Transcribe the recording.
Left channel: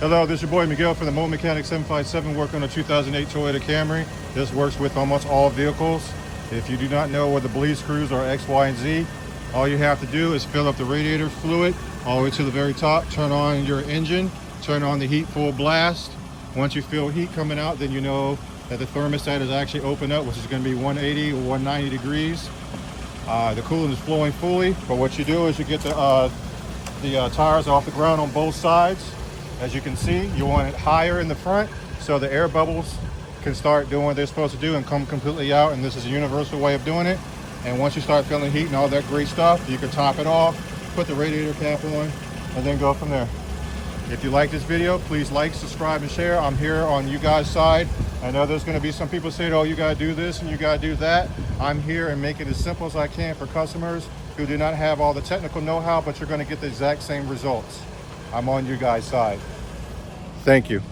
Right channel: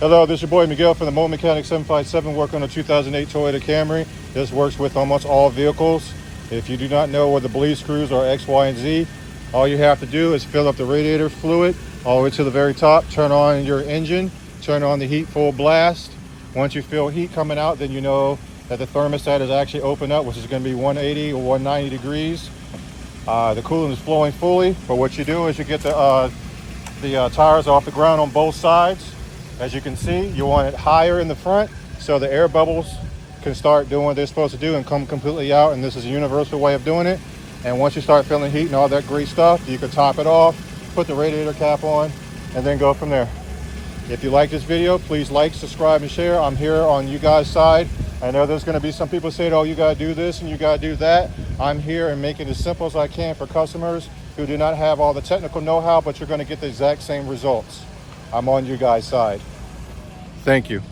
Hello, this is your boy Miguel from the Mobile Mechanic 757 working on a 2008 Toyota Camry. This works with almost all vehicles. If you do not know where the bleed screws are X, Y, and Z, all you have to do is fill up the radiator fluid all the way to the very top, turn on your engine, turn on the heat full blast. Once you feel heat coming out, then you know that the thermostat is actually open up, which is going to be 180 or 190 degrees. The coolant is flowing fully, but what you do is you get the tires off the ground on both sides. As you can see, you want it higher in the front so the air bubbles can start doing what they're supposed to do and come completely out, and this is a universal way of doing it. And once you start feeling heat and all that great stuff, you can top it off, put the radiator cap on, and then go from there. If you like this video, please like, subscribe, and share. I'm here on you guys' side. I know there's going to be some people saying, oh, you got to do this and you got to do that. I'm here and make it as simple as I can for customers who do not have all the technical know-how, but you're going to get the exact same results. I'm on you guys' side. Thank you.